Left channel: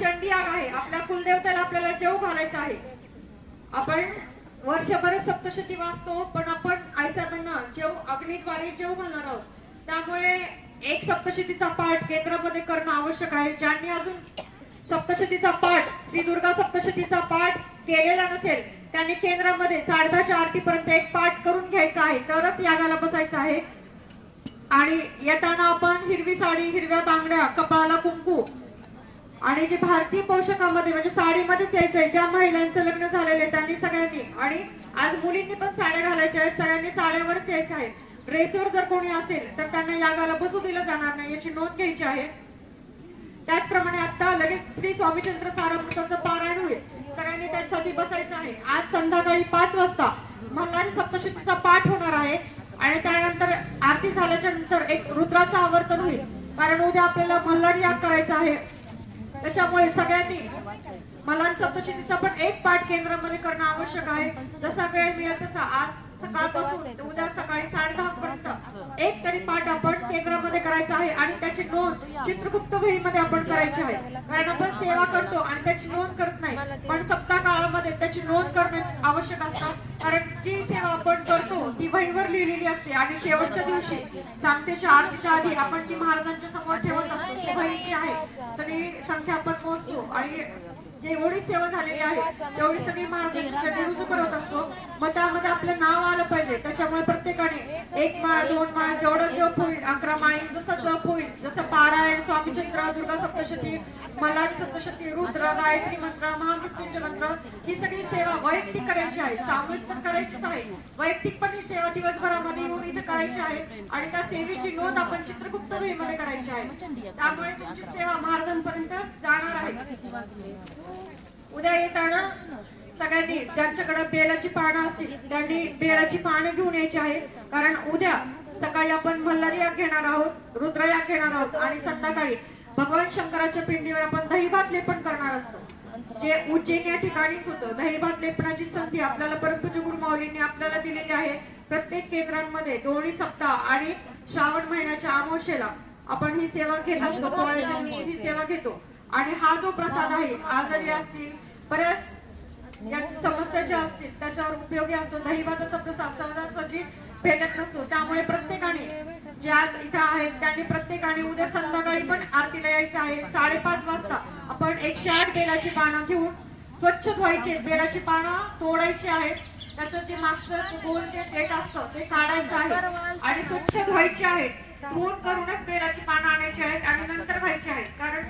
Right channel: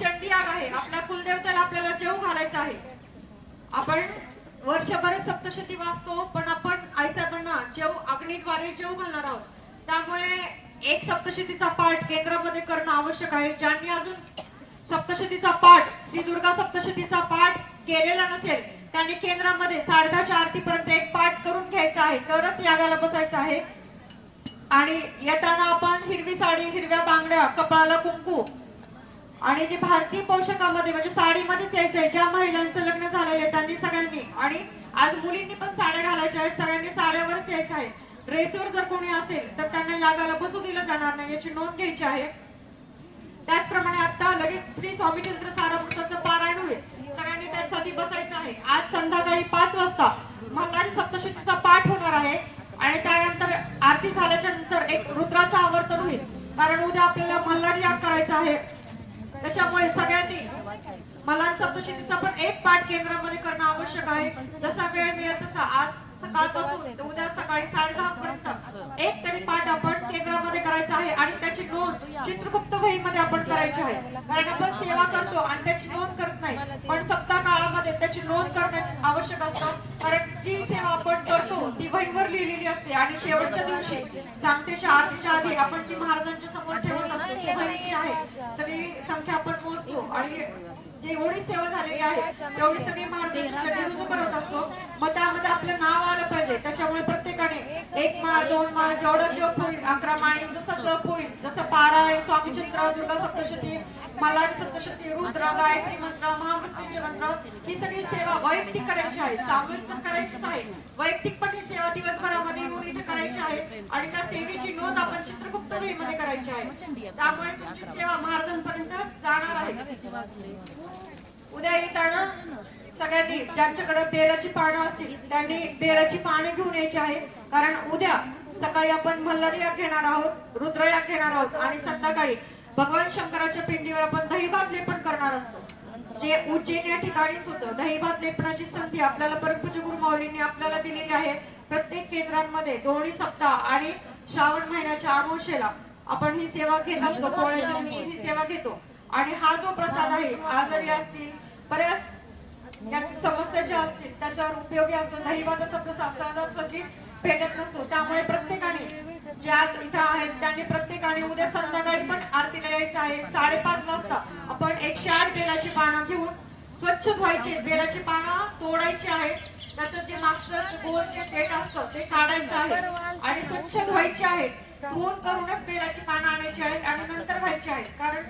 चंडी याग आहे, आपल्या कुलदेवतेला आपल्याला जेव घालायचं आहे. आपण वर्षभर सप्तशती वाचतो, पण आपण आईसाहेबांना जेव अग्नीद्वारे जेव घालणार आहोत. त्यामुळे एक सप्तशतीचा पाठ केंद्रामध्ये करणं आवश्यक आहे. ज्यांनी अजून सप्तशतीचा पाठ, श्री दुर्गा सप्तशतीचा पाठ केलेला नसेल त्यांनी केंद्रामध्ये 10:30च्या आरतीपर्यंत एक पाठ करून घ्यायचा आहे, तरच यागाला बसायचं आहे. आणि येताना आपण हिरवी साडी, हिरव्या बांगड्या, कपाळाला कुंकू आणि जे भारतीय पोशाखामध्ये म्हणजे साडीमध्येच यायचंय. ज्या महिलांचं लग्न झालेलं त्यांनी सगळ्यांनी, आणि आज मुलींनी पण साड्या घालायच्या आहेत, सगळ्यांनी साड्यावरच यायचं आहे. ड्रेसवर जर कोणी असेल तर त्यांना यागाला बसू दिलं जाणार नाही, याची नोंद घ्यायची आहे. त्याचप्रमाणे आता लगेच श्री स्वामीचंद्र सारामृताचं पारायण होईल, सगळ्यांनी त्यासाठी बसायचं आहे. आज संध्याकाळी 5 वाजता मल्हारी सप्तशतीचा पाठ होणार आहे आणि त्यानंतर आरती झाल्याच्या नंतर एक रुद्राचं आवर्तन होईल, कारण उद्या आपल्याला मल्हारी याग करायचा आहे. त्याच्यामुळे सगळ्यांनी मल्हारी सप्तशतीचा पण एक पाठ केंद्रामध्ये करणं आवश्यक आहे. जसा वेळ मिळेल तसा आज सकाळपासून उद्या सकाळी 10:30 पर्यंत एक तरी पाठ आपण केंद्रामध्ये करायचा आहे आणि त्याची नोंद चित्रगुप्त वहीमध्ये आपण करायची आहे. कारण आपण सेवा करतो आणि त्याची नोंद करत नाही, पण सप्ताह काळामध्ये त्याची नोंद करण्याची आवश्यक असतं. कारण जी सेवा आपण करतो ती वहीवर लिहिलेली असते आणि शेवटच्या दिवशी सांगतेच्या आरतीच्या आधी आपण ती महाराजांच्या समोर ठेवत असतो. ती वही जी आहे सगळी संख्या आपण मोजतो आणि जेवढी सेवा झालेली आहे तेवढी सगळी महाराजांची रुजू करत असतो. मग त्यामध्ये आपलं नाव आलं पाहिजे. त्याच्यामुळे प्रत्येकाने 1 माळ 2 माळ जेवढं जप होईल, 11 माळी जसं जप होईल, जसं पारायण, स्वामीचंद्र, दुर्गा सप्तशती, मल्हारी सप्तशती, रुद्र, गायत्री मंत्र, महामृत्युंजय मंत्र, ही सगळी सेवा वैयक्तिक करायची आहे. सामूहिक तर करायचीच आहे, वैयक्तिक पण ही सेवा दिवसभरामध्ये येऊन इथे करायची आहे आणि त्या सेवेची नोंद आपण चित्रगुप्त वहीमध्ये करायची आहे. त्यामुळे तुमची सेवा महाराजांपर्यंत जाणार आहे. उद्या येताना सगळ्यांनी ज्यांच्याकडे बेलाची पानं असतील त्यांनी बेलाची पाने घेऊन यायची आहे, कारण उद्या सकाळी आपण मल्हारी याग घेणार आहोत, रुद्र याग घेणार आहोत आणि संध्याकाळी भगवान शंकराच्या पिंडीवर आपण दहीभात लेपन करणार असतो. जे उज्जैन या ठिकाणीच होतं. दहीभात लेपनाची संधी आपल्याला परमपूज्य गुरुमाऊलींनी आपल्याला दिलेली आहे. प्रत्येक केंद्रांमध्ये दोन्ही सप्ताह आणि श्रावण महिन्याच्या अमावस्येला आपण ही सेवा घेत असतो. पोळ्याच्या दिवशी ही सेवा घेतो आणि हा जो प्रसाद आहे, आजारी असतील, बऱ्याच याची समस्या ज्या असतील त्याच्यावर उपयोगी असतो. दहीभाताचा प्रसाद सहजासहजी भेटत नसतो. त्यामुळे प्रत्येकाने जे आज इथे आहेत त्यांनी प्रत्येकाने उद्या संध्याकाळी पण आरतीला यायचं आहे. 5:30 वाजता आपण 108 बेलाची पानं घेऊन स्वच्छ धुवायची. बेलाची पानं तोडायची आहेत, त्याचं जे मागचं गोल जे पेट असतं ते काढायचं आहे आणि स्वच्छ धुवायची आहेत. धुवून करूनच बेलाची पानं आणायची आहेत आणि नंतर व्हायची आहेत. कारण